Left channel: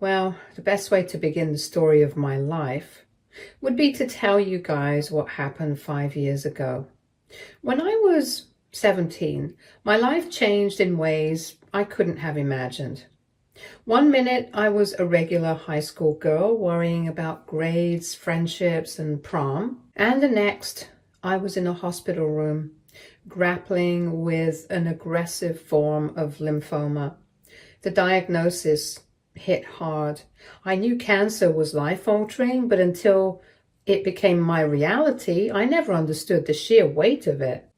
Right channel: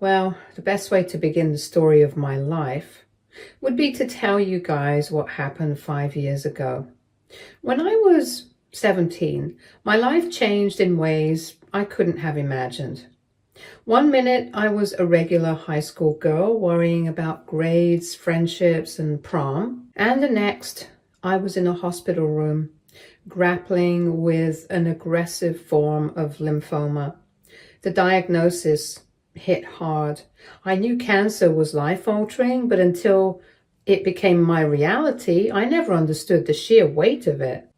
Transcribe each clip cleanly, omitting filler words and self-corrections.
Well, the best way to begin the story of my life would be to tell you guys what happened 5 years ago. When I was 17, my life changed in ways I couldn't have imagined. One minute I was a regular high school girl worrying about grades, friendships, and prom. And the next, I was in a hospital room grappling with an aggressive form of lymphoma. The diagnosis hit hard. I knew cancer was life-altering, but until it became my reality, I never understood the sheer weight of it.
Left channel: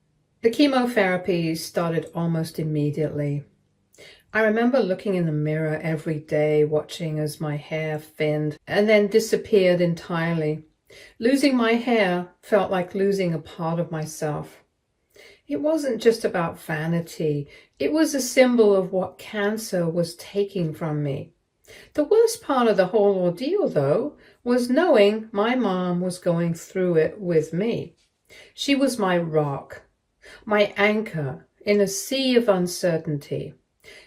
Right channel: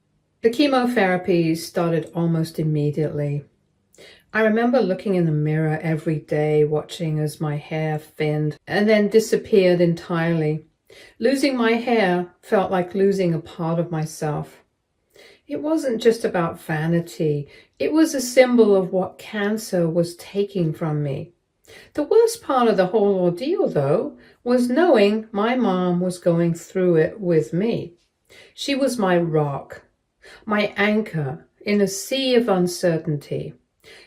The chemotherapy started almost immediately. I remember looking in the mirror every day, watching as my hair thinned and then disappeared entirely. Losing my hair felt like losing a part of myself. It wasn't just about vanity. It was a symbol of what cancer was taking from me. The worst part of the whole ordeal, though, was knowing my mom was going through it with me. She was my rock, my anchor in a sea of uncertainty.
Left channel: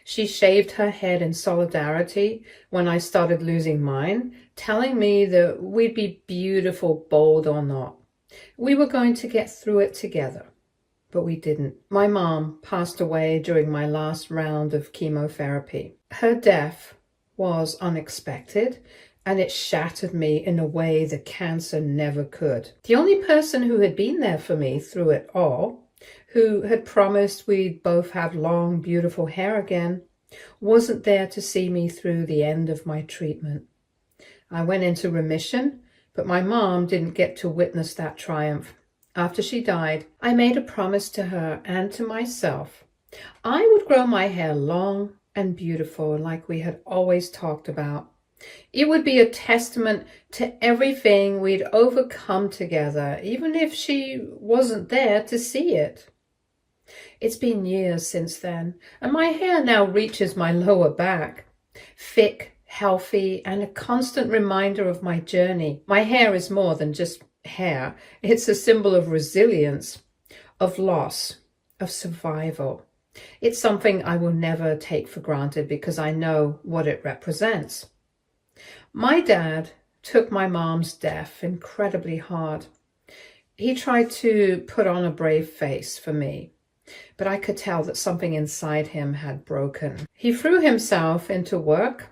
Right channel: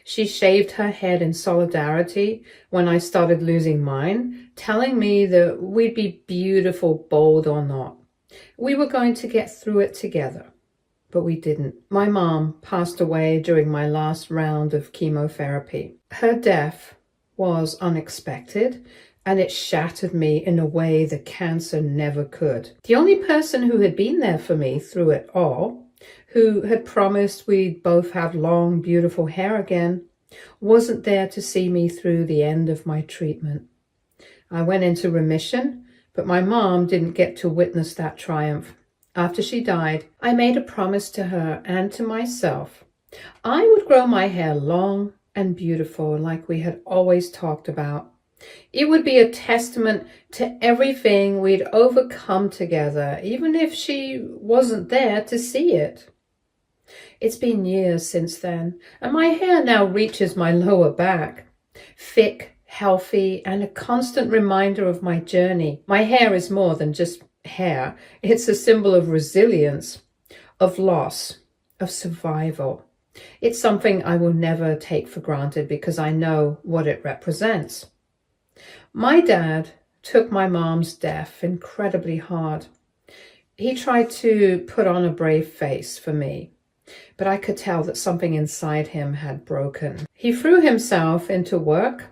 She shaved her head in solidarity when I started losing mine, telling me that we'd be beautiful, bold or not. We were going to get through it together. But we didn't. My mom passed away during my last round of chemotherapy. Her death was unexpected, and it shattered me in a way that cancer never could. The only person who had been there for me through it all, who had promised we'd both have long, beautiful hair again, wasn't there to see me through the end of my treatment. I went into remission, but my mom didn't get to witness that triumph. After she died, I made a promise to her and to myself. I would grow my hair long and beautiful like we had always talked about. It would be a testament to everything we'd overcome together, even if she wasn't there to see it. It's been years since then, and my hair now reaches my lower back. Thick, healthy, and a constant reminder of my journey. My hair is more than just hair. It's a symbol of resilience, of loss, of survival. It's something I will never take for granted because I know what it represents. My dad took my mom's death incredibly hard. He tried to put on a brave face for me, but I could tell that something inside him had broken. He threw himself into work,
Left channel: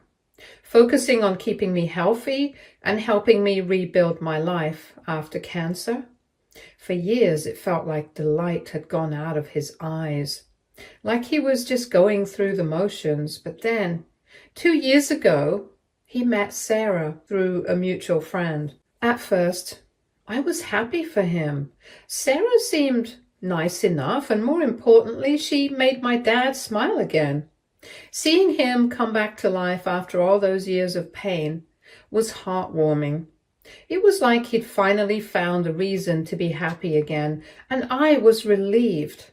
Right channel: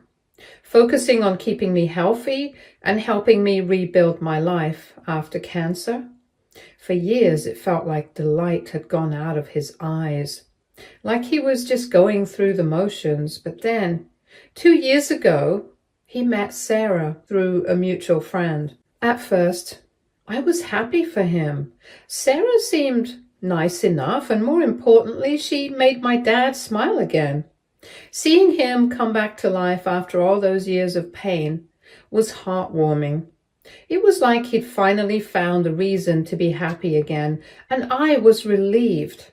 focusing on keeping me healthy and helping me rebuild my life after cancer. For years, it felt like the light had gone out of his eyes, like he was just going through the motions. But then, 2 years ago, he met Sarah through a mutual friend. At first, I was happy for him. Sarah seemed nice enough, and more importantly, she made my dad smile again. Seeing him come back to life after all those years of pain was heartwarming. It was like he'd finally found a reason to be happy again, and I was relieved.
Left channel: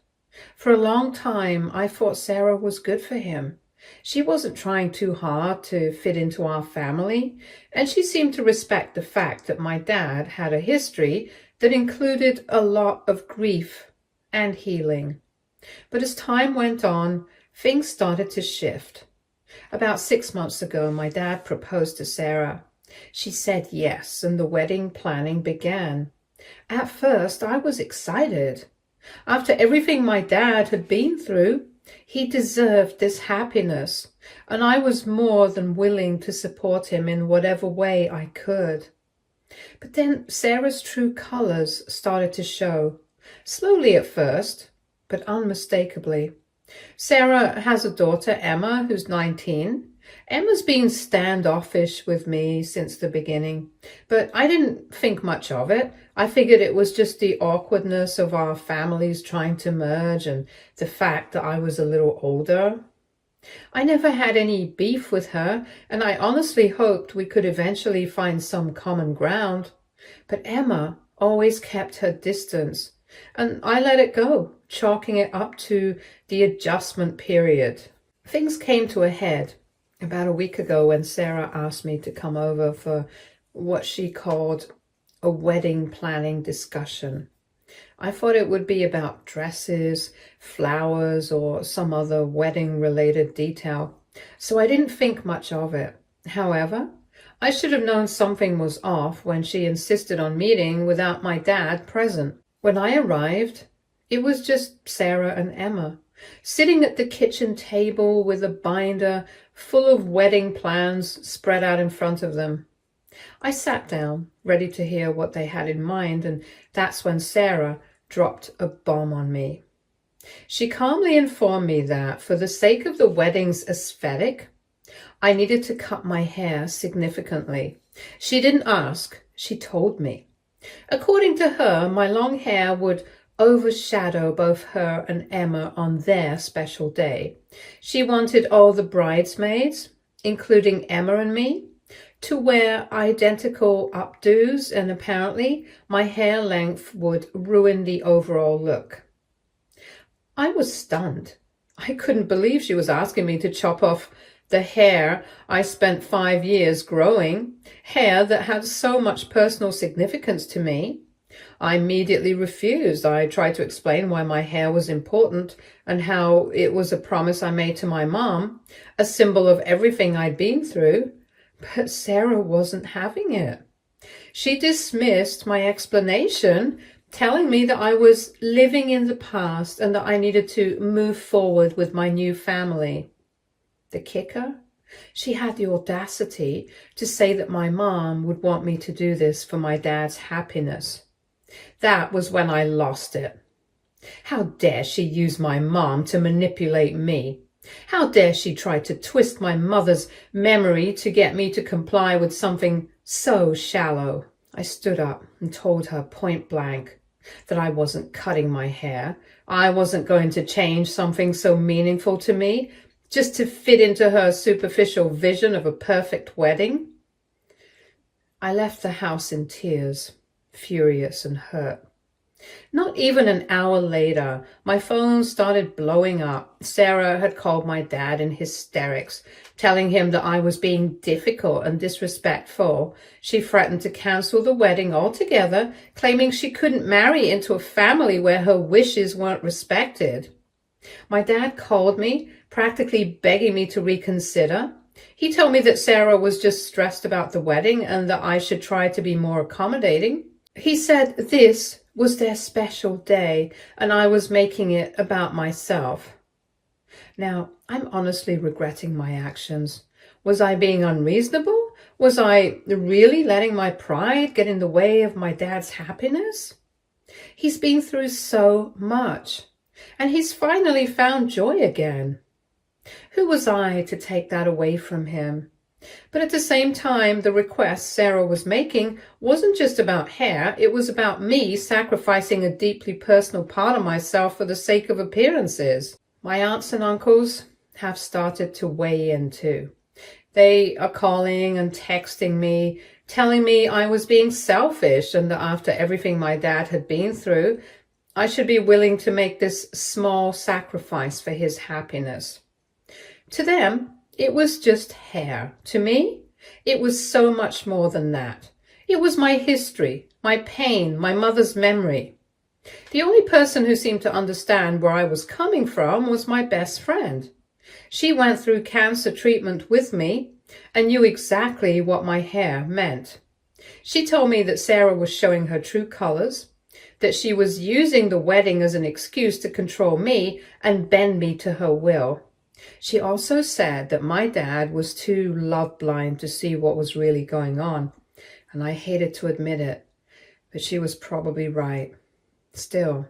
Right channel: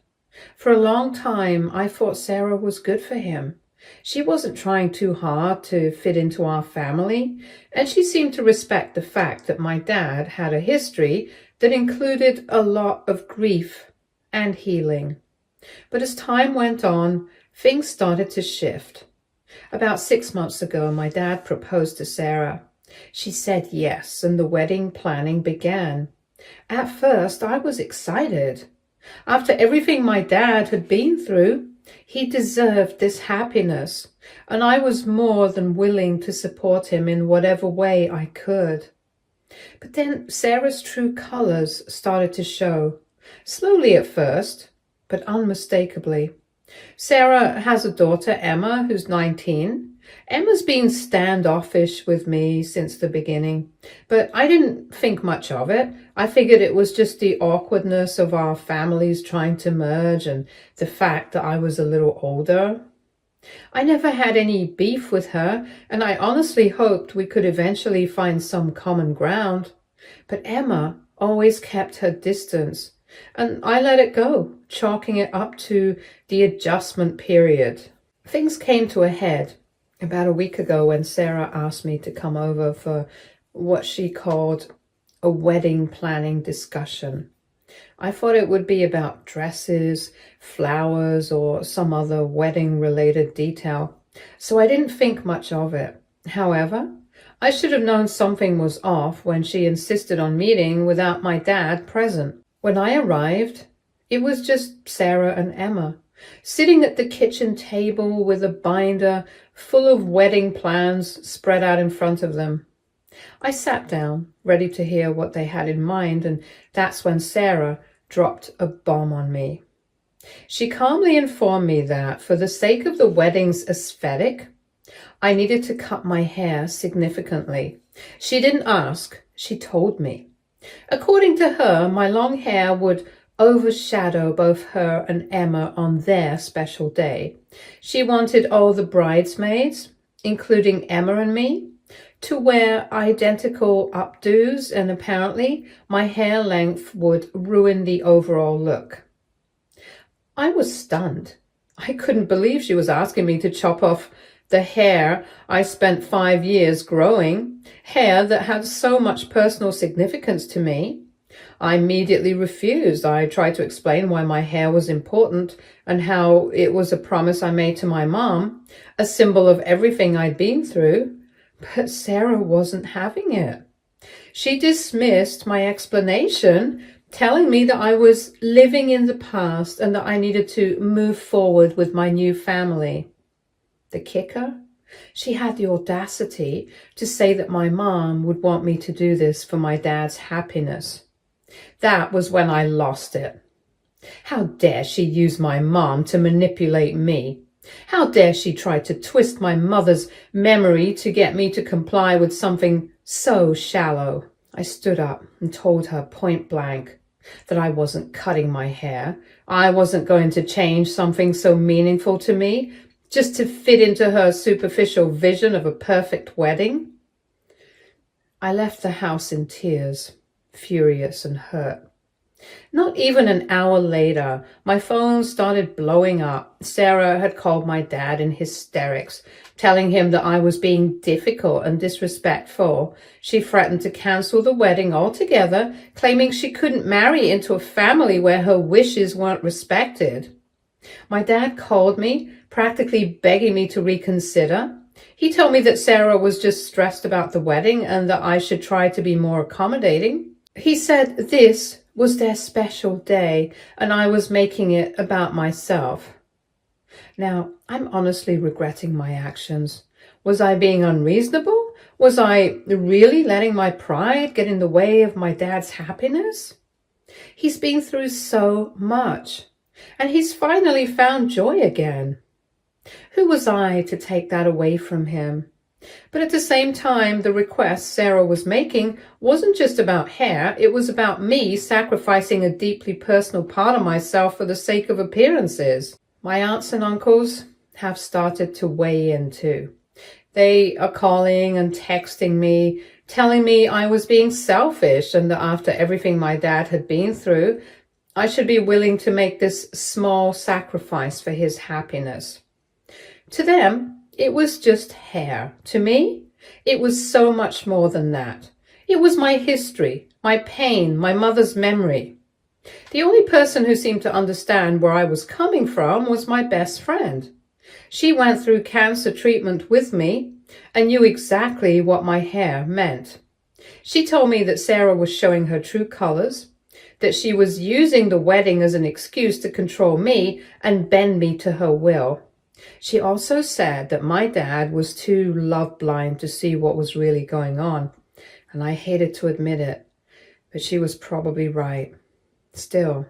For a long time, I thought Sarah was good for him. She wasn't trying too hard to fit into our family, and she seemed to respect the fact that my dad had a history that included a lot of grief and healing. But as time went on, things started to shift. About 6 months ago, my dad proposed to Sarah. She said yes, and the wedding planning began. At first, I was excited. After everything my dad had been through, he deserved this happiness, and I was more than willing to support him in whatever way I could. But then Sarah's true colors started to show, slowly at first, but unmistakably. Sarah has a daughter, Emma, who's 19. Emma's been standoffish with me since the beginning, but I didn't think much of it. I figured it was just the awkwardness of our families trying to merge and the fact that I was a little older. I never had any beef with her, and I honestly hoped we could eventually find some common ground. But Emma always kept her distance, and I let it go, chalking it up to the adjustment period. Things came to a head about a week ago when Sarah asked me to come over for what she called a wedding planning discussion. I thought it would be about dresses, flowers, or some other wedding-related detail, so I didn't think much of it. However, I should have known something was off when she insisted on meeting without my dad present. When I arrived, it was just Sarah and Emma, sitting at the kitchen table with a binder full of wedding plans spread out in front of them. I sat down, ready to hear what they had in mind, and that's when Sarah dropped a bomb on me. She calmly informed me that, for the sake of the wedding's aesthetic, I needed to cut my hair significantly. She didn't ask, she told me. According to her, my long hair would overshadow both her and Emma on their special day. She wanted all the bridesmaids, including Emma and me, to wear identical updos, and apparently my hair length would ruin the overall look. I was stunned. I couldn't believe she was asking me to chop off the hair I spent 5 years growing, hair that had so much personal significance to me. I immediately refused. I tried to explain why my hair was important and how it was a promise I made to my mom, a symbol of everything I'd been through. But Sarah wasn't having it. She dismissed my explanation, telling me that I was living in the past and that I needed to move forward with my new family. The kicker? She had the audacity to say that my mom would want me to do this for my dad's happiness. That was when I lost it. How dare she use my mom to manipulate me? How dare she try to twist my mother's memory to get me to comply with something so shallow? I stood up and told her point blank that I wasn't cutting my hair. I wasn't going to change something so meaningful to me just to fit into her superficial vision of a perfect wedding. I left the house in tears, furious and hurt. Not even an hour later, my phone started blowing up. Sarah had called my dad in hysterics, telling him that I was being difficult and disrespectful. She threatened to cancel the wedding altogether, claiming she couldn't marry into a family where her wishes weren't respected. My dad called me, practically begging me to reconsider. He told me that Sarah was just stressed about the wedding and that I should try to be more accommodating. He said this was their special day and I was making it about myself. Now, I'm honestly regretting my actions. Was I being unreasonable? Was I really letting my pride get in the way of my dad's happiness? He's been through so much, and he's finally found joy again. Who was I to take that away from him? But at the same time, the request Sarah was making wasn't just about hair. It was about me sacrificing a deeply personal part of myself for the sake of appearances. My aunts and uncles have started to weigh in too. They are calling and texting me, telling me I was being selfish and that after everything my dad had been through, I should be willing to make this small sacrifice for his happiness. To them, it was just hair. To me, it was so much more than that. It was my history, my pain, my mother's memory. The only person who seemed to understand where I was coming from was my best friend. She went through cancer treatment with me and knew exactly what my hair meant. She told me that Sarah was showing her true colors, that she was using the wedding as an excuse to control me and bend me to her will. She also said that my dad was too love blind to see what was really going on, and I hated to admit it, but she was probably right. Still,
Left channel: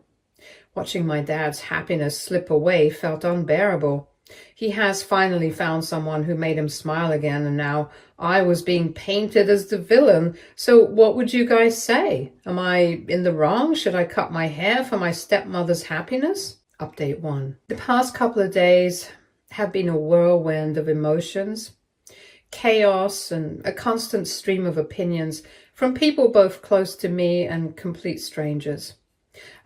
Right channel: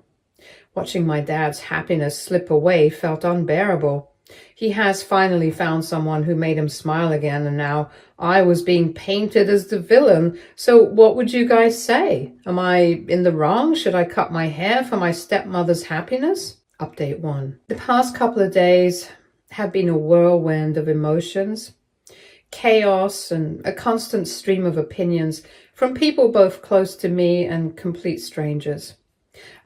watching my dad's happiness slip away felt unbearable. He has finally found someone who made him smile again, and now I was being painted as the villain. So what would you guys say? Am I in the wrong? Should I cut my hair for my stepmother's happiness? Update 1. The past couple of days have been a whirlwind of emotions, chaos, and a constant stream of opinions from people both close to me and complete strangers.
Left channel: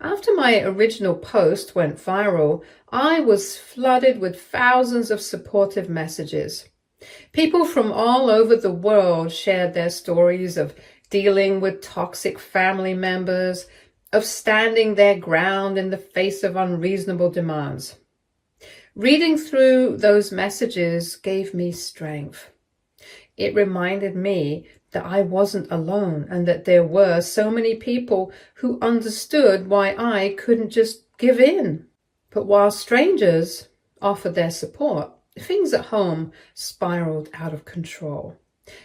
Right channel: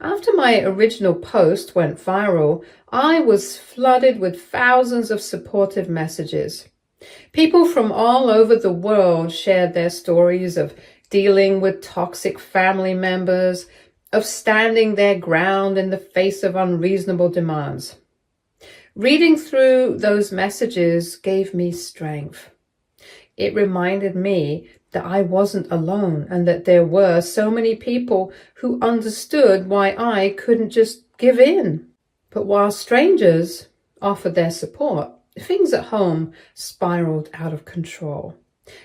After my original post went viral, I was flooded with thousands of supportive messages. People from all over the world shared their stories of dealing with toxic family members, of standing their ground in the face of unreasonable demands. Reading through those messages gave me strength. It reminded me that I wasn't alone and that there were so many people who understood why I couldn't just give in. But while strangers offered their support, things at home spiraled out of control.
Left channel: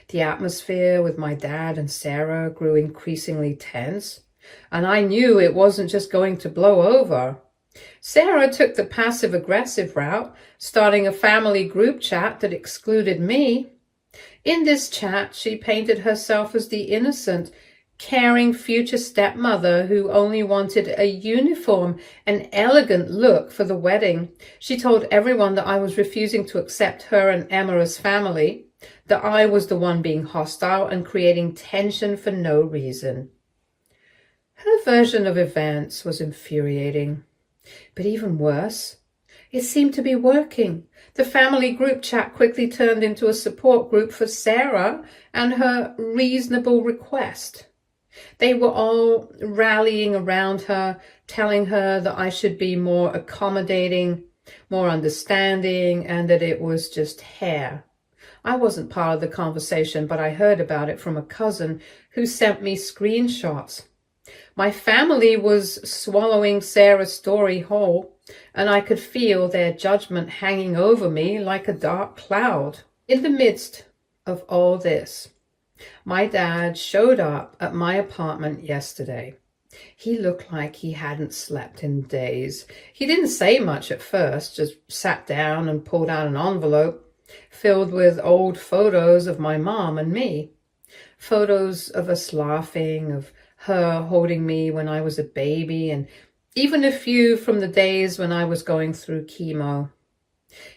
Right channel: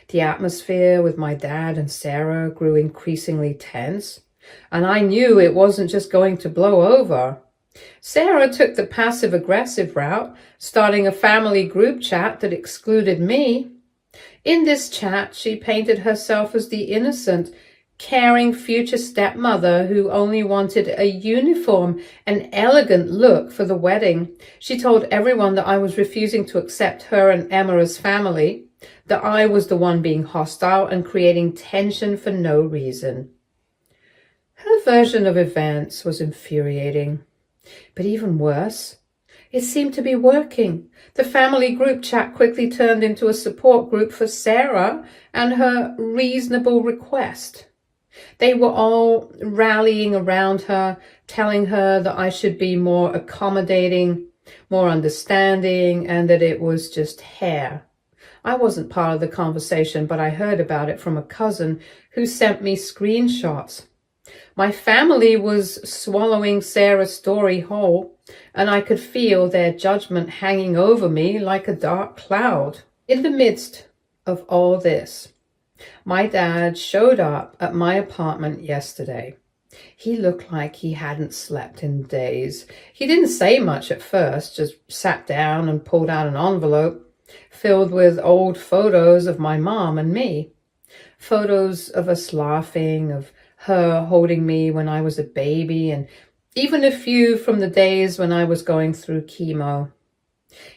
The atmosphere with my dad and Sarah grew increasingly tense, and I knew it wasn't just going to blow over. Sarah took the passive-aggressive route, starting a family group chat that excluded me. In this chat, she painted herself as the innocent, caring future stepmother who only wanted a uniform and elegant look for the wedding. She told everyone that I was refusing to accept her and Emma as family, that I was the one being hostile and creating tension for no reason. Her version of events was infuriating. But even worse, it seemed to be working. The family group chat quickly turned into a support group for Sarah and her reasonable request. They were all rallying around her, telling her that I should be more accommodating, more understanding, and that it was just hair. I wasn't part of the conversation, but I heard about it from a cousin who sent me screenshots. My family was swallowing Sarah's story whole, and I could feel their judgment hanging over me like a dark cloud. In the midst of all this, my dad showed up at my apartment yesterday. He looked like he hadn't slept in days. He didn't say much at first, just sat down and pulled out an envelope filled with old photos of my mom and me. Photos of us laughing, of her holding me when I was a baby, and even a few from the days when I was going through chemo.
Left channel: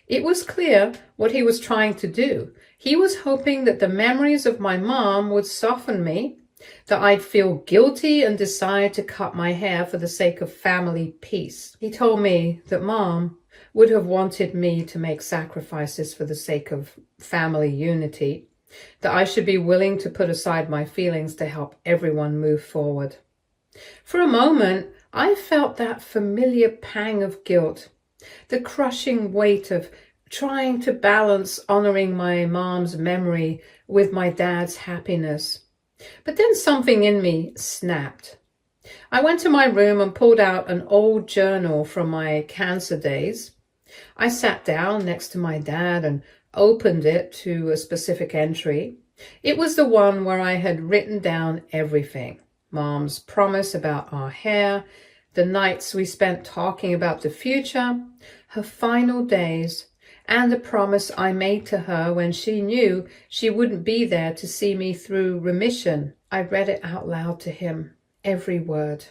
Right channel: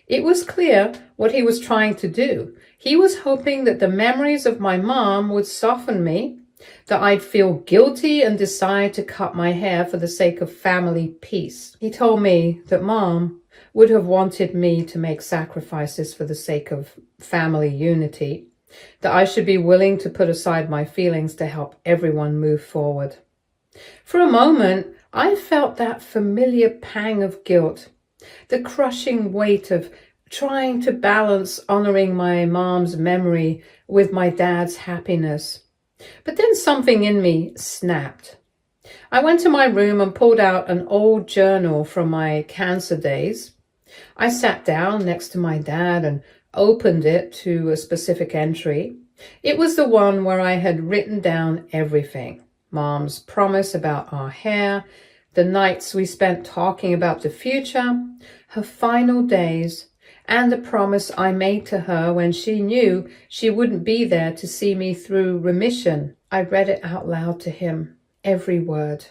It was clear what he was trying to do. He was hoping that the memories of my mom would soften me, that I'd feel guilty and decide to cut my hair for the sake of family peace. He told me that Mom would have wanted me to make sacrifices for the sake of family unity, that I should be willing to put aside my feelings to help everyone move forward. For a moment, I felt that familiar pang of guilt, the crushing weight of trying to balance honoring my mom's memory with my dad's happiness. But then something in me snapped. I went to my room and pulled out an old journal from my cancer days. I sat down next to my dad and opened it to a specific entry. It was the one where I had written down everything. Mom's promise about our hair, the nights we spent talking about the future, her final days, and the promise I made to her when she knew she wouldn't be there to see me through remission. I read it out loud to him, every word.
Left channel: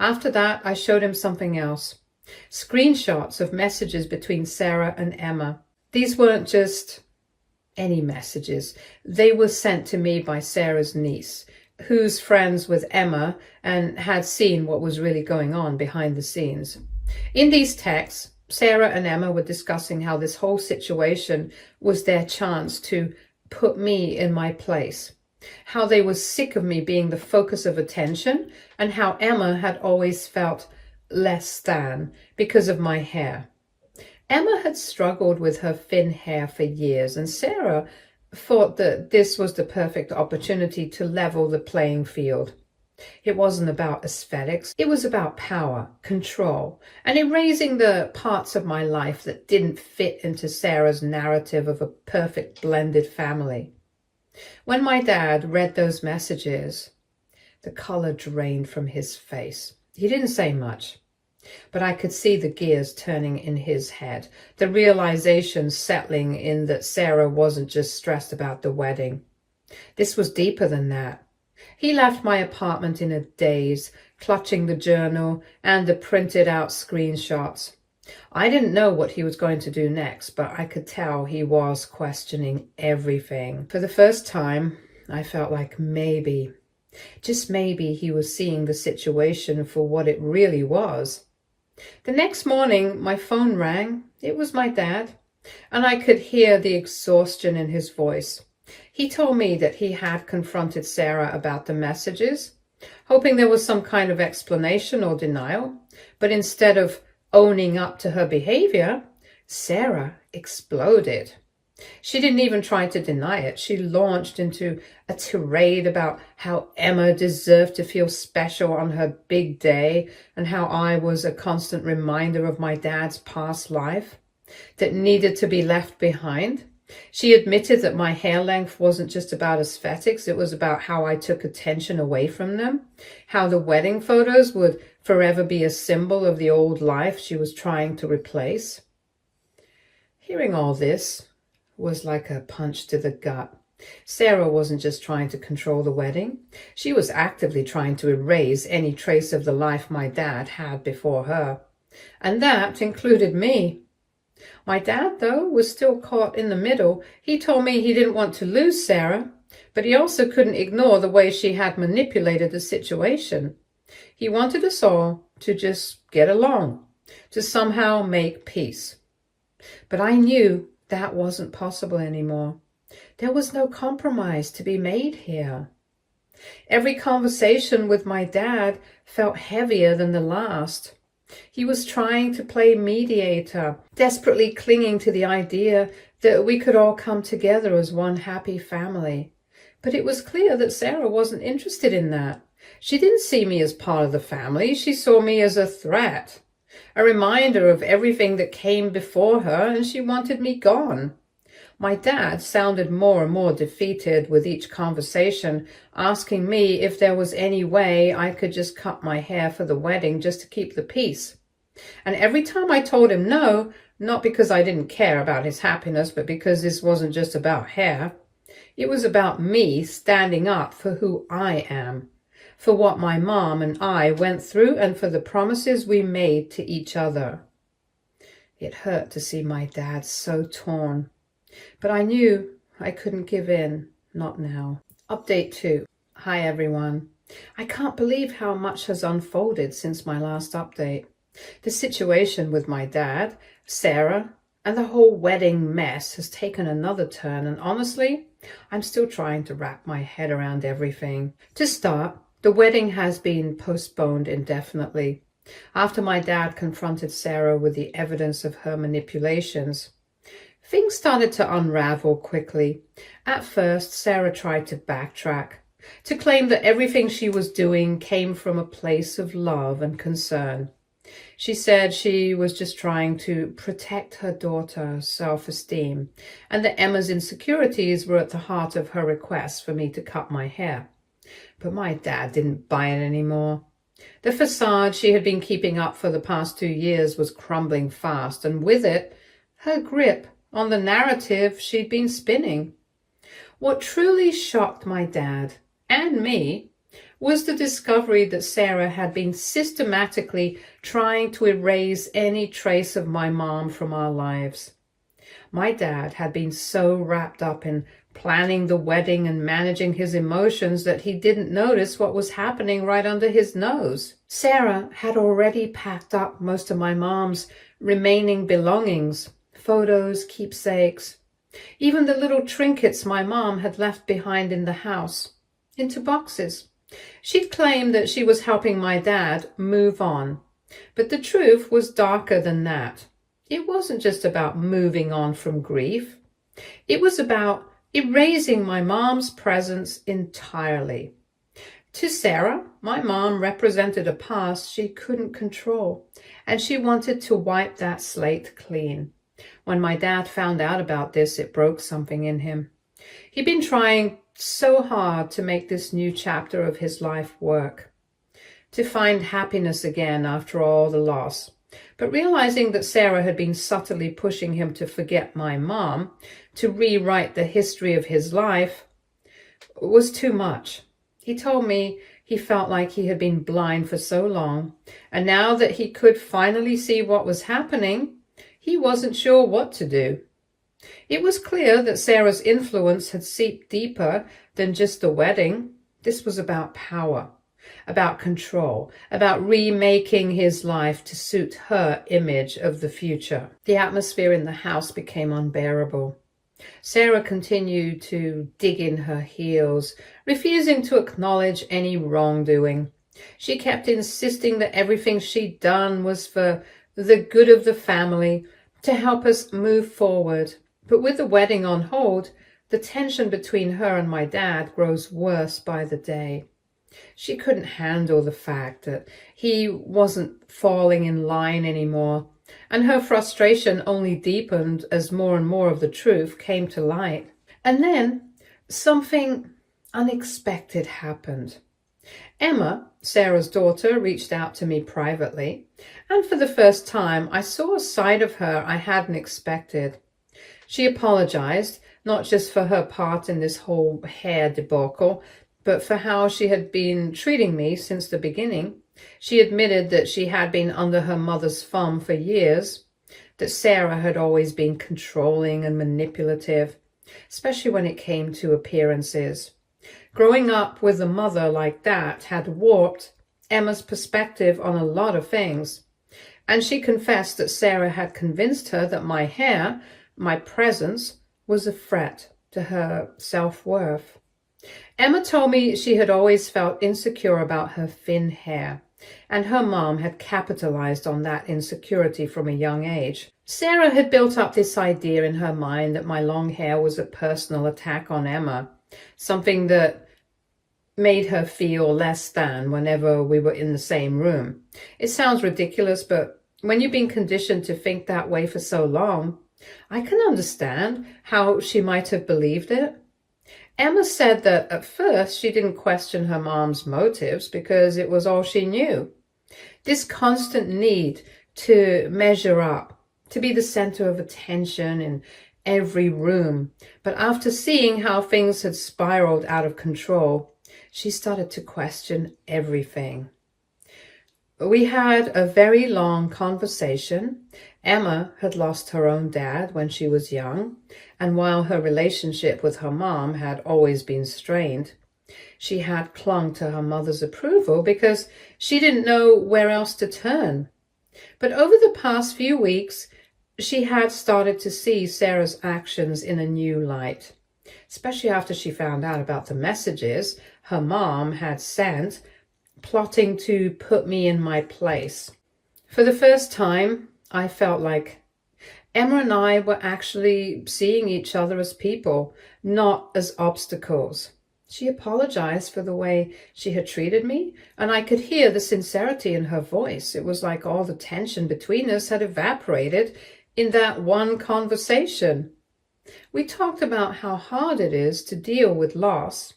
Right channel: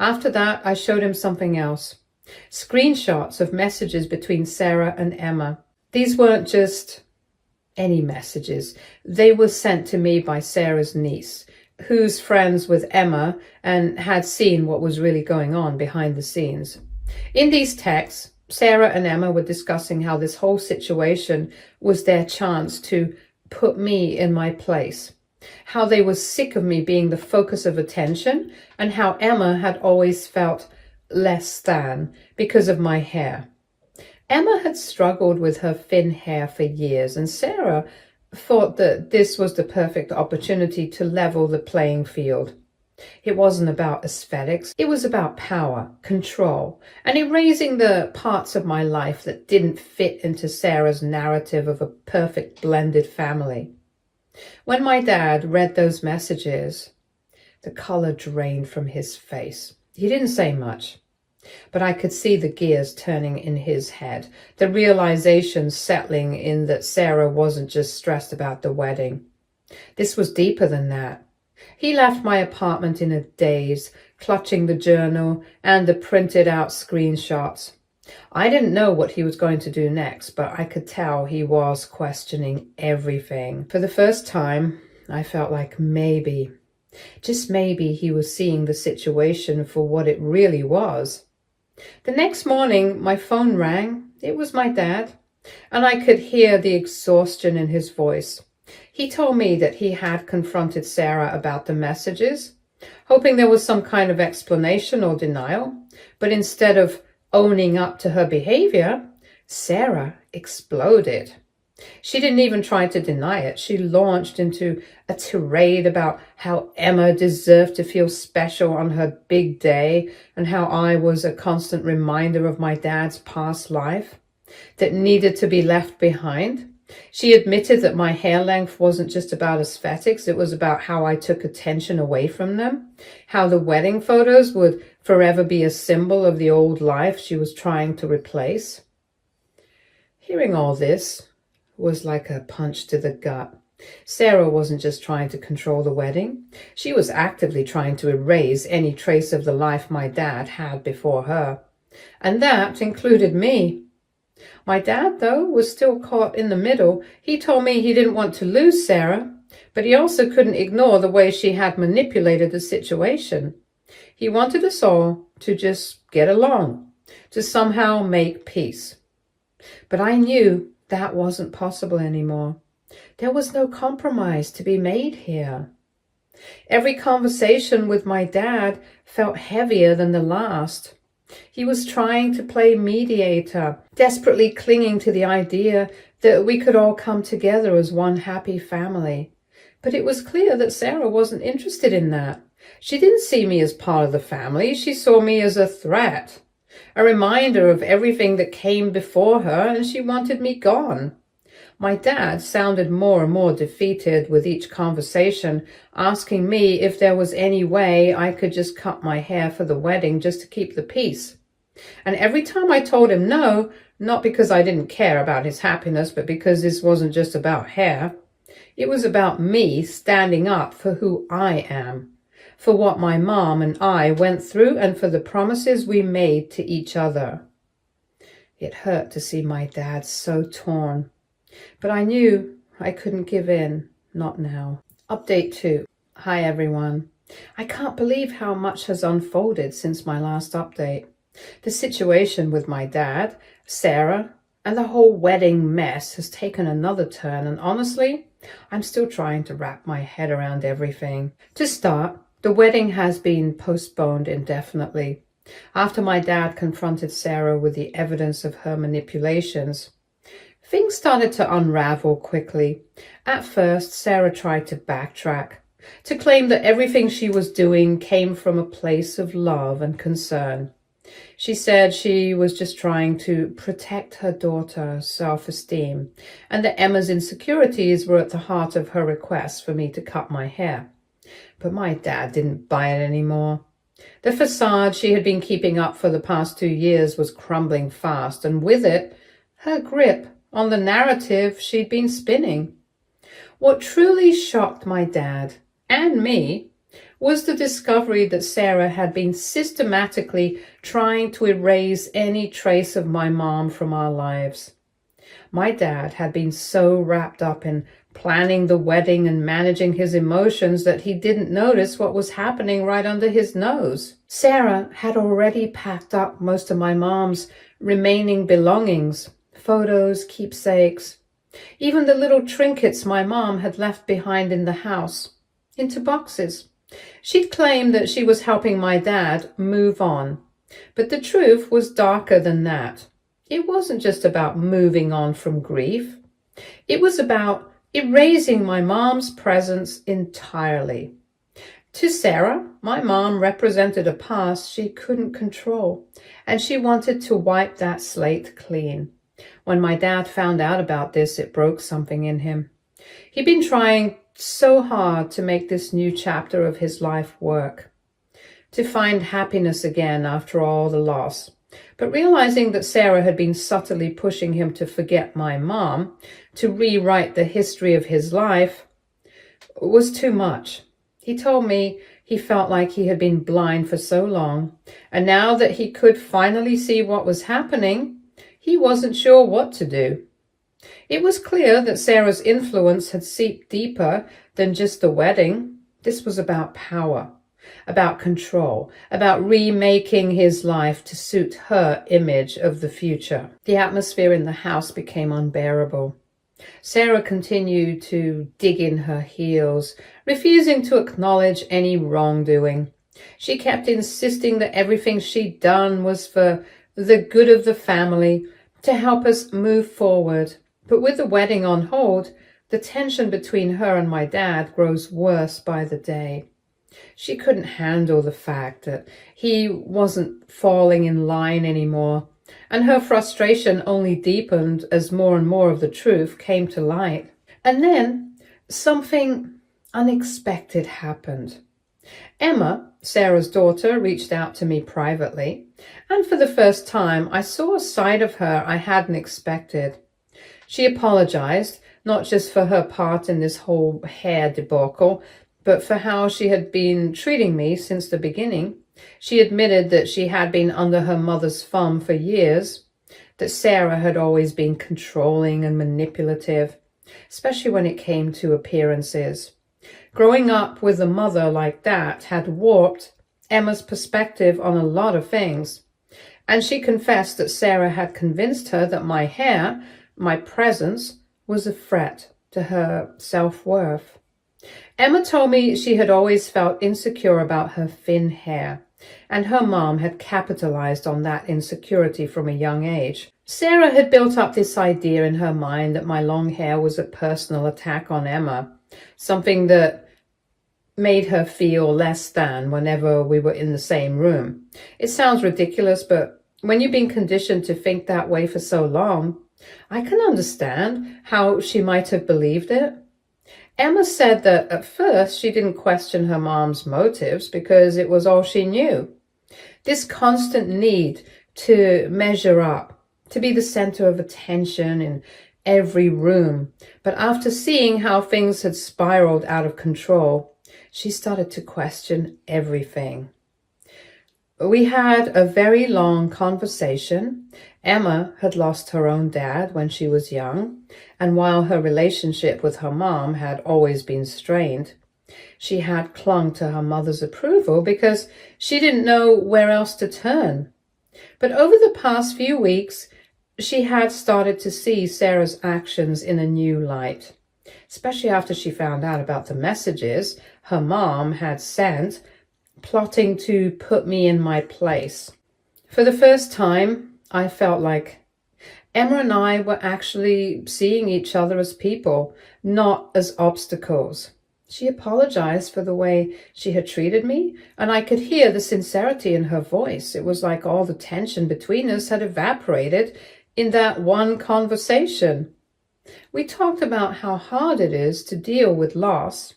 After that, I showed him something else. Screenshots of messages between Sarah and Emma. These weren't just any messages. They were sent to me by Sarah's niece, who's friends with Emma and had seen what was really going on behind the scenes. In these texts, Sarah and Emma were discussing how this whole situation was their chance to put me in my place, how they were sick of me being the focus of attention, and how Emma had always felt less than because of my hair. Emma had struggled with her thin hair for years, and Sarah thought that this was the perfect opportunity to level the playing field. It wasn't about aesthetics, it was about power, control, and erasing the parts of my life that didn't fit into Sarah's narrative of a perfect blended family. When my dad read those messages, the color drained from his face. He didn't say much, but I could see the gears turning in his head, the realization settling in that Sarah wasn't just stressed about the wedding. This was deeper than that. He left my apartment in a daze, clutching the journal and the printed out screenshots. I didn't know what he was going to do next, but I could tell he was questioning everything. For the first time, I felt like maybe, just maybe, he was seeing the situation for what it really was. The next morning, my phone rang. It was my dad, and I could hear the exhaustion in his voice. He told me that he had confronted Sarah about the messages, hoping there was some kind of explanation or denial, but instead of owning up to her behavior, Sarah exploded. She didn't even try to deny it. She launched into a tirade about how Emma deserved to feel special on her big day and how I was a constant reminder of my dad's past life that needed to be left behind. She admitted that my hair length wasn't just about aesthetics, it was about how I took attention away from them, how the wedding photos would forever be a symbol of the old life she was trying to replace. Hearing all this was like a punch to the gut. Sarah wasn't just trying to control the wedding. She was actively trying to erase any trace of the life my dad had before her. And that included me. My dad, though, was still caught in the middle. He told me he didn't want to lose Sarah, but he also couldn't ignore the way she had manipulated the situation. He wanted us all to just get along, to somehow make peace. But I knew that wasn't possible anymore. There was no compromise to be made here. Every conversation with my dad felt heavier than the last. He was trying to play mediator, desperately clinging to the idea that we could all come together as one happy family. But it was clear that Sarah wasn't interested in that. She didn't see me as part of the family. She saw me as a threat, a reminder of everything that came before her, and she wanted me gone. My dad sounded more and more defeated with each conversation, asking me if there was any way I could just cut my hair for the wedding just to keep the peace. And every time I told him no, not because I didn't care about his happiness, but because this wasn't just about hair, it was about me standing up for who I am, for what my mom and I went through, and for the promises we made to each other. It hurt to see my dad so torn. But I knew I couldn't give in, not now. Update 2. Hi everyone. I can't believe how much has unfolded since my last update. The situation with my dad, Sarah, and the whole wedding mess has taken another turn, and honestly, I'm still trying to wrap my head around everything. To start, the wedding has been postponed indefinitely. After my dad confronted Sarah with the evidence of her manipulations, things started to unravel quickly. At first, Sarah tried to backtrack, to claim that everything she was doing came from a place of love and concern. She said she was just trying to protect her daughter's self-esteem, and that Emma's insecurities were at the heart of her request for me to cut my hair. But my dad didn't buy it anymore. The facade she had been keeping up for the past 2 years was crumbling fast, and with it, her grip on the narrative she'd been spinning. What truly shocked my dad and me was the discovery that Sarah had been systematically trying to erase any trace of my mom from our lives. My dad had been so wrapped up in planning the wedding and managing his emotions that he didn't notice what was happening right under his nose. Sarah had already packed up most of my mom's remaining belongings, photos, keepsakes, even the little trinkets my mom had left behind in the house, into boxes. She'd claimed that she was helping my dad move on, but the truth was darker than that. It wasn't just about moving on from grief. It was about erasing my mom's presence entirely. To Sarah, my mom represented a past she couldn't control, and she wanted to wipe that slate clean. When my dad found out about this, it broke something in him. He'd been trying so hard to make this new chapter of his life work, to find happiness again after all the loss. But realizing that Sarah had been subtly pushing him to forget my mom, to rewrite the history of his life, was too much. He told me he felt like he had been blind for so long, and now that he could finally see what was happening, he wasn't sure what to do. It was clear that Sarah's influence had seeped deeper than just the wedding. This was about power, about control, about remaking his life to suit her image of the future. The atmosphere in the house became unbearable. Sarah continued to dig in her heels, refusing to acknowledge any wrongdoing. She kept insisting that everything she'd done was for the good of the family, to help us move forward. But with the wedding on hold, the tension between her and my dad grows worse by the day. She couldn't handle the fact that he wasn't falling in line anymore, and her frustration only deepened as more and more of the truth came to light. And then something unexpected happened. Emma, Sarah's daughter, reached out to me privately, and for the first time I saw a side of her I hadn't expected. She apologized, not just for her part in this whole hair debacle, but for how she had been treating me since the beginning. She admitted that she had been under her mother's thumb for years, that Sarah had always been controlling and manipulative, especially when it came to appearances. Growing up with a mother like that had warped Emma's perspective on a lot of things, and she confessed that Sarah had convinced her that my hair, my presence, was a threat to her self-worth. Emma told me she had always felt insecure about her thin hair, and her mom had capitalized on that insecurity from a young age. Sarah had built up this idea in her mind that my long hair was a personal attack on Emma, something that made her feel less than whenever we were in the same room. It sounds ridiculous, but when you've been conditioned to think that way for so long, I can understand how she might have believed it. Emma said that at first she didn't question her mom's motives because it was all she knew. This constant need to measure up, to be the center of attention in every room. But after seeing how things had spiraled out of control, she started to question everything. We had a very long conversation. Emma had lost her own dad when she was young, and while her relationship with her mom had always been strained, she had clung to her mother's approval because she didn't know where else to turn. But over the past few weeks, she had started to see Sarah's actions in a new light, especially after she found out about the messages her mom had sent, plotting to put me in my place. For the first time, I felt like Emma and I were actually seeing each other as people, not as obstacles. She apologized for the way she had treated me, and I could hear the sincerity in her voice. It was like all the tension between us had evaporated in that one conversation. We talked about how hard it is to deal with loss,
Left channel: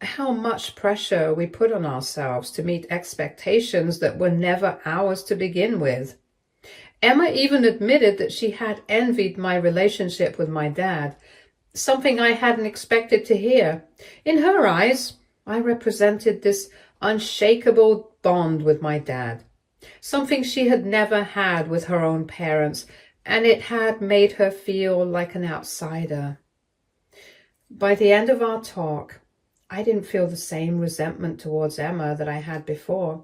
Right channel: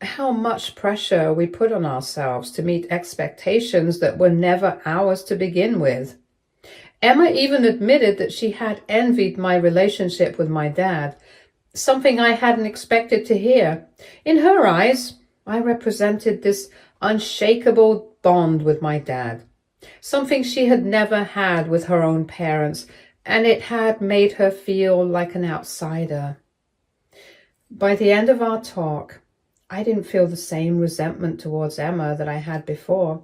how much pressure we put on ourselves to meet expectations that were never ours to begin with. Emma even admitted that she had envied my relationship with my dad, something I hadn't expected to hear. In her eyes, I represented this unshakable bond with my dad, something she had never had with her own parents, and it had made her feel like an outsider. By the end of our talk, I didn't feel the same resentment towards Emma that I had before.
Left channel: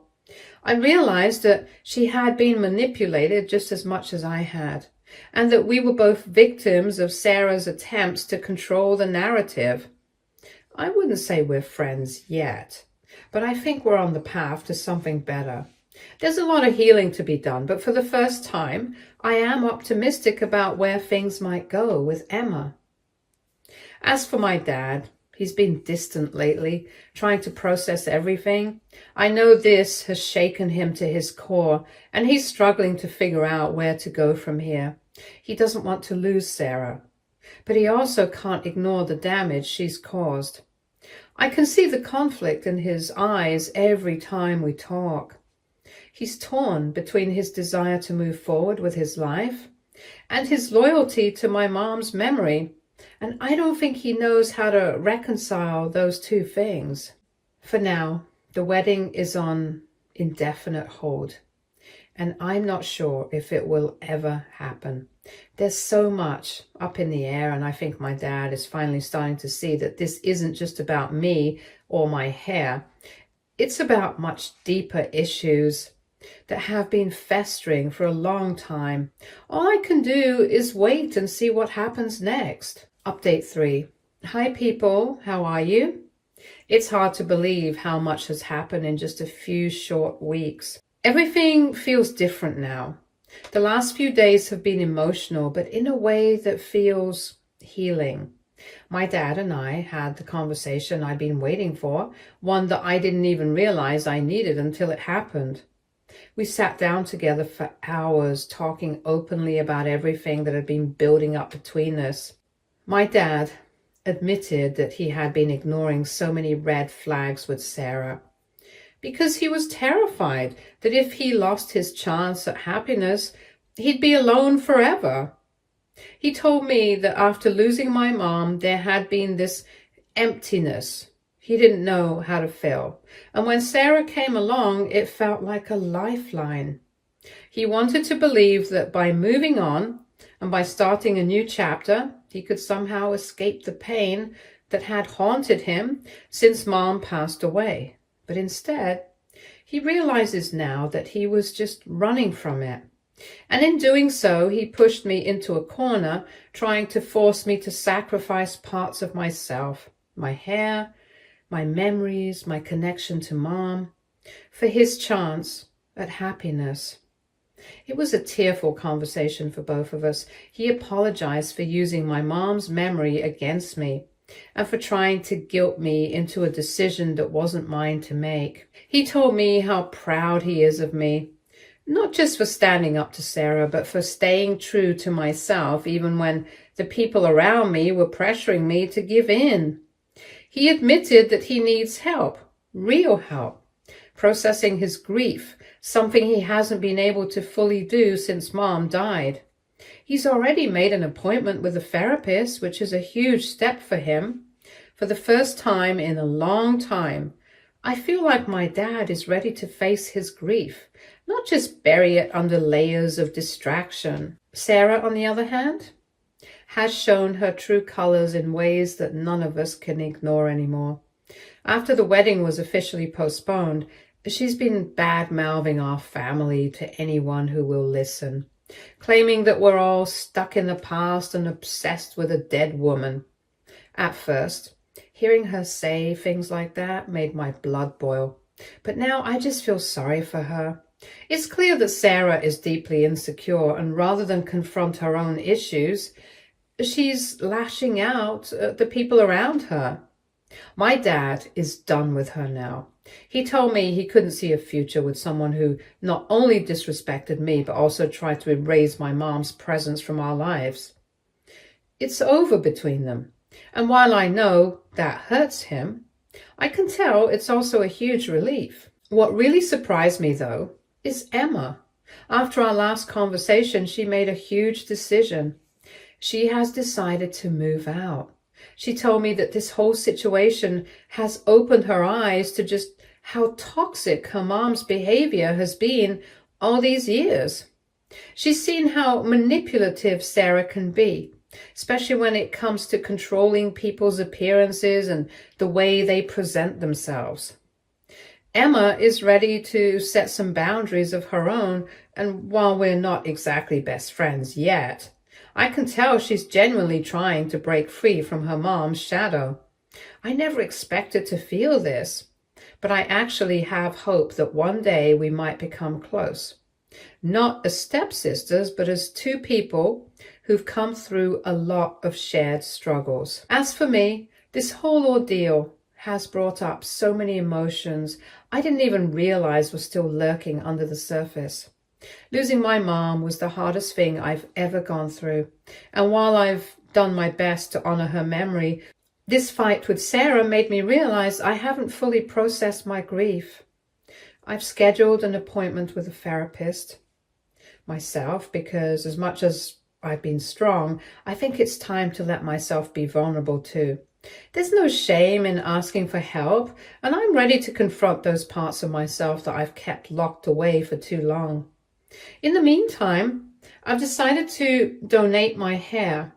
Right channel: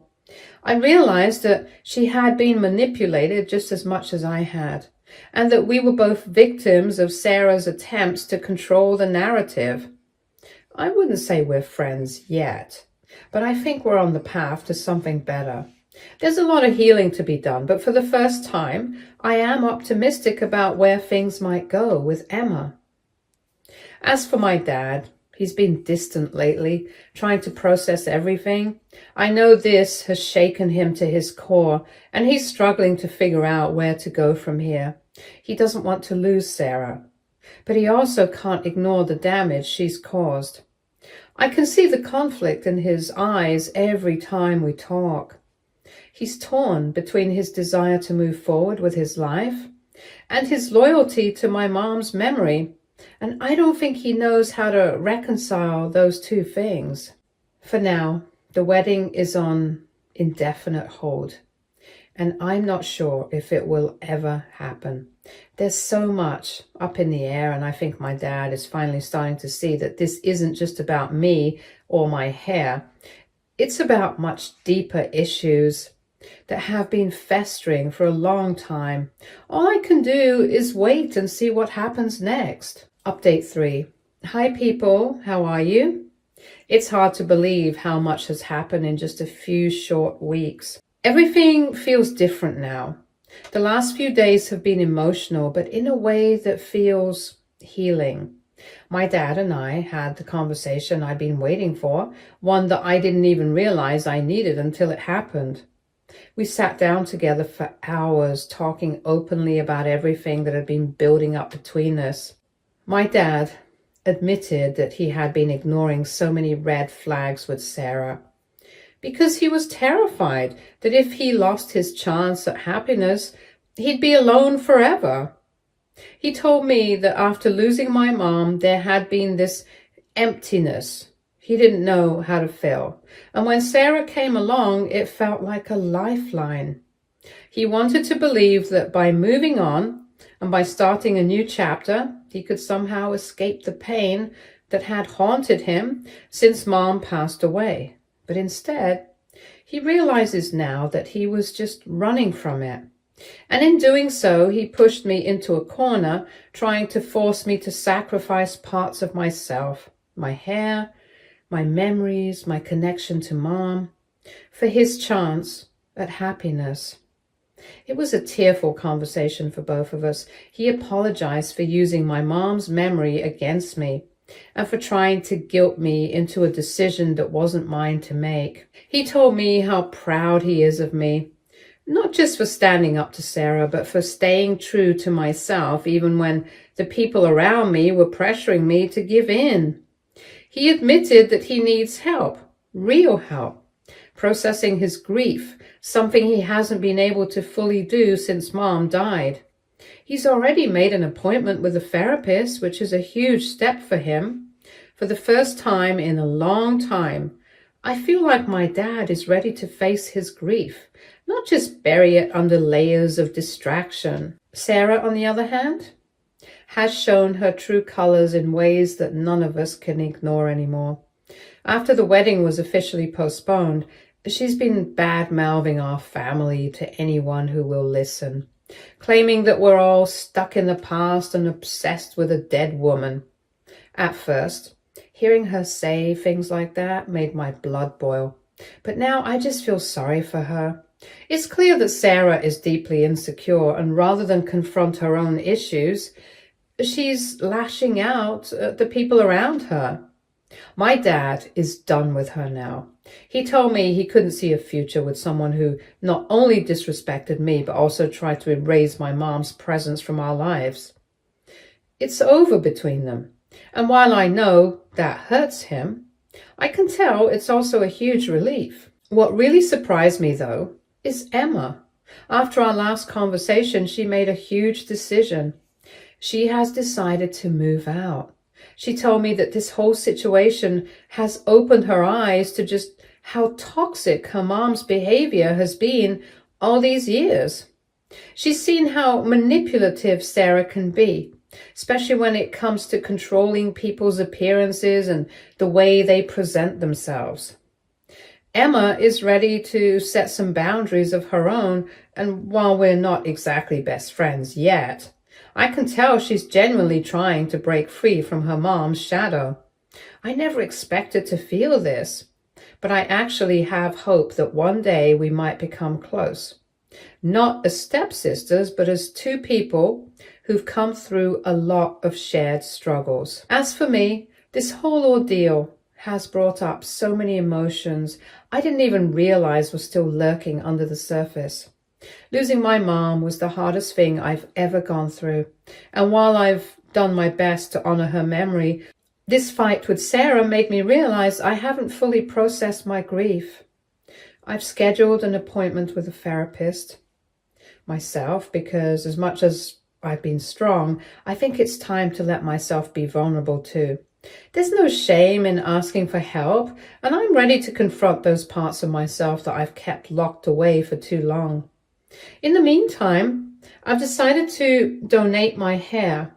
I realized that she had been manipulated just as much as I had, and that we were both victims of Sarah's attempts to control the narrative. I wouldn't say we're friends yet, but I think we're on the path to something better. There's a lot of healing to be done, but for the first time, I am optimistic about where things might go with Emma. As for my dad, he's been distant lately, trying to process everything. I know this has shaken him to his core, and he's struggling to figure out where to go from here. He doesn't want to lose Sarah, but he also can't ignore the damage she's caused. I can see the conflict in his eyes every time we talk. He's torn between his desire to move forward with his life and his loyalty to my mom's memory, and I don't think he knows how to reconcile those two things. For now, the wedding is on indefinite hold, and I'm not sure if it will ever happen. There's so much up in the air, and I think my dad is finally starting to see that this isn't just about me or my hair. It's about much deeper issues that have been festering for a long time. All I can do is wait and see what happens next. Update 3. Hi people, how are you? It's hard to believe how much has happened in just a few short weeks. Everything feels different now. The last few days have been emotional, but in a way that feels healing. My dad and I had the conversation I'd been waiting for, one that I didn't even realize I needed until it happened. We sat down together for hours, talking openly about everything that had been building up between us. My dad admitted that he had been ignoring so many red flags with Sarah because he was terrified that if he lost his chance at happiness, he'd be alone forever. He told me that after losing my mom, there had been this emptiness. He didn't know how to feel. And when Sarah came along, it felt like a lifeline. He wanted to believe that by moving on and by starting a new chapter, he could somehow escape the pain that had haunted him since Mom passed away. But instead, he realizes now that he was just running from it. And in doing so, he pushed me into a corner, trying to force me to sacrifice parts of myself, my hair, my memories, my connection to Mom, for his chance at happiness. It was a tearful conversation for both of us. He apologized for using my mom's memory against me and for trying to guilt me into a decision that wasn't mine to make. He told me how proud he is of me, not just for standing up to Sarah, but for staying true to myself, even when the people around me were pressuring me to give in. He admitted that he needs help, real help, processing his grief, something he hasn't been able to fully do since Mom died. He's already made an appointment with a therapist, which is a huge step for him. For the first time in a long time, I feel like my dad is ready to face his grief, not just bury it under layers of distraction. Sarah, on the other hand, has shown her true colors in ways that none of us can ignore anymore. After the wedding was officially postponed, she's been bad-mouthing our family to anyone who will listen, claiming that we're all stuck in the past and obsessed with a dead woman. At first, hearing her say things like that made my blood boil. But now I just feel sorry for her. It's clear that Sarah is deeply insecure, and rather than confront her own issues, she's lashing out at the people around her. My dad is done with her now. He told me he couldn't see a future with someone who not only disrespected me, but also tried to erase my mom's presence from our lives. It's over between them. And while I know that hurts him, I can tell it's also a huge relief. What really surprised me, though, is Emma. After our last conversation, she made a huge decision. She has decided to move out. She told me that this whole situation has opened her eyes to just how toxic her mom's behavior has been all these years. She's seen how manipulative Sarah can be, especially when it comes to controlling people's appearances and the way they present themselves. Emma is ready to set some boundaries of her own, and while we're not exactly best friends yet, I can tell she's genuinely trying to break free from her mom's shadow. I never expected to feel this, but I actually have hope that one day we might become close. Not as stepsisters, but as two people who've come through a lot of shared struggles. As for me, this whole ordeal has brought up so many emotions I didn't even realize were still lurking under the surface. Losing my mom was the hardest thing I've ever gone through. And while I've done my best to honor her memory, this fight with Sarah made me realize I haven't fully processed my grief. I've scheduled an appointment with a therapist myself because as much as I've been strong, I think it's time to let myself be vulnerable too. There's no shame in asking for help, and I'm ready to confront those parts of myself that I've kept locked away for too long. In the meantime, I've decided to donate my hair,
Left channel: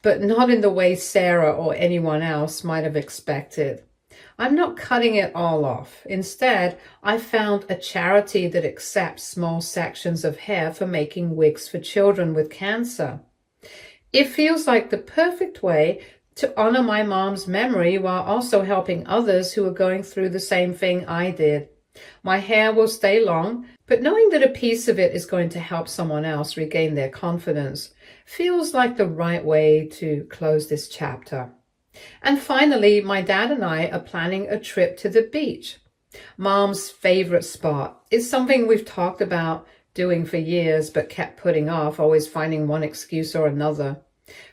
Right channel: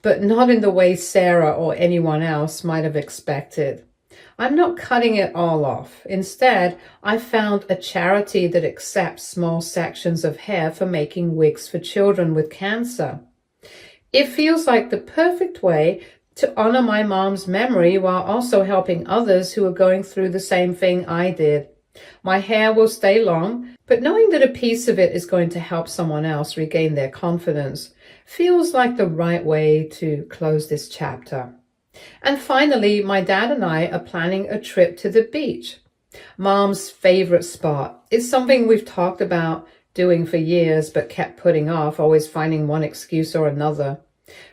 but not in the way Sarah or anyone else might have expected. I'm not cutting it all off. Instead, I found a charity that accepts small sections of hair for making wigs for children with cancer. It feels like the perfect way to honor my mom's memory while also helping others who are going through the same thing I did. My hair will stay long, but knowing that a piece of it is going to help someone else regain their confidence feels like the right way to close this chapter. And finally, my dad and I are planning a trip to the beach. Mom's favorite spot. It's something we've talked about doing for years but kept putting off, always finding one excuse or another.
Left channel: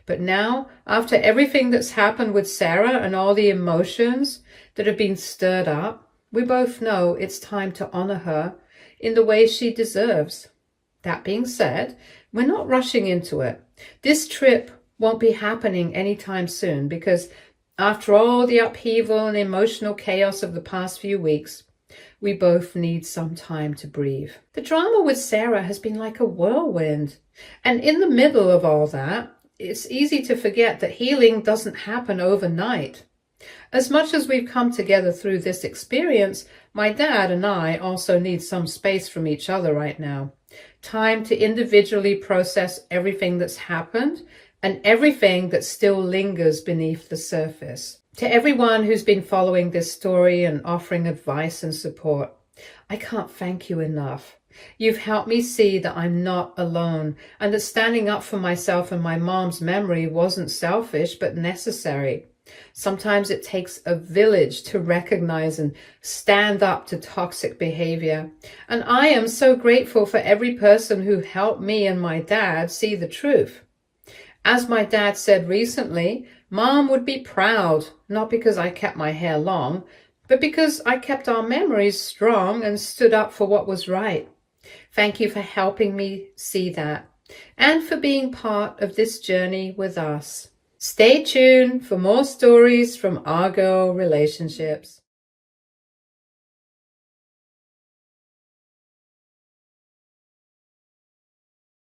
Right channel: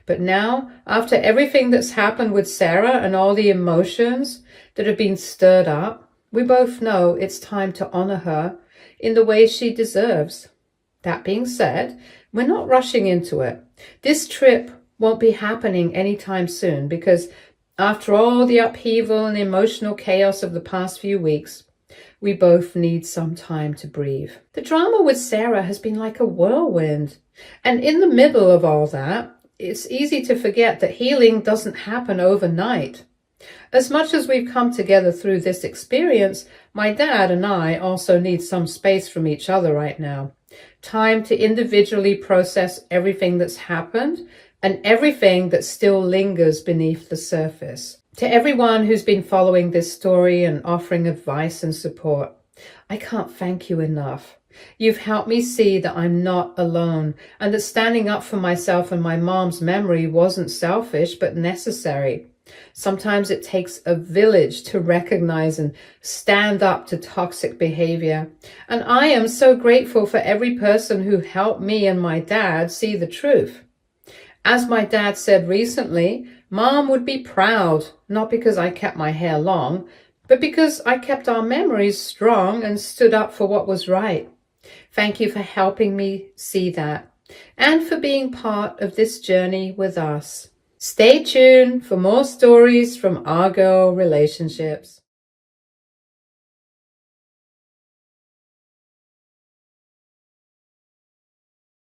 But now, after everything that's happened with Sarah and all the emotions that have been stirred up, we both know it's time to honor her in the way she deserves. That being said, we're not rushing into it. This trip won't be happening anytime soon because after all the upheaval and emotional chaos of the past few weeks, we both need some time to breathe. The drama with Sarah has been like a whirlwind. And in the middle of all that, it's easy to forget that healing doesn't happen overnight. As much as we've come together through this experience, my dad and I also need some space from each other right now. Time to individually process everything that's happened and everything that still lingers beneath the surface. To everyone who's been following this story and offering advice and support, I can't thank you enough. You've helped me see that I'm not alone and that standing up for myself and my mom's memory wasn't selfish but necessary. Sometimes it takes a village to recognize and stand up to toxic behavior. And I am so grateful for every person who helped me and my dad see the truth. As my dad said recently, Mom would be proud, not because I kept my hair long, but because I kept our memories strong and stood up for what was right. Thank you for helping me see that and for being part of this journey with us. Stay tuned for more stories from Our Girl Relationships.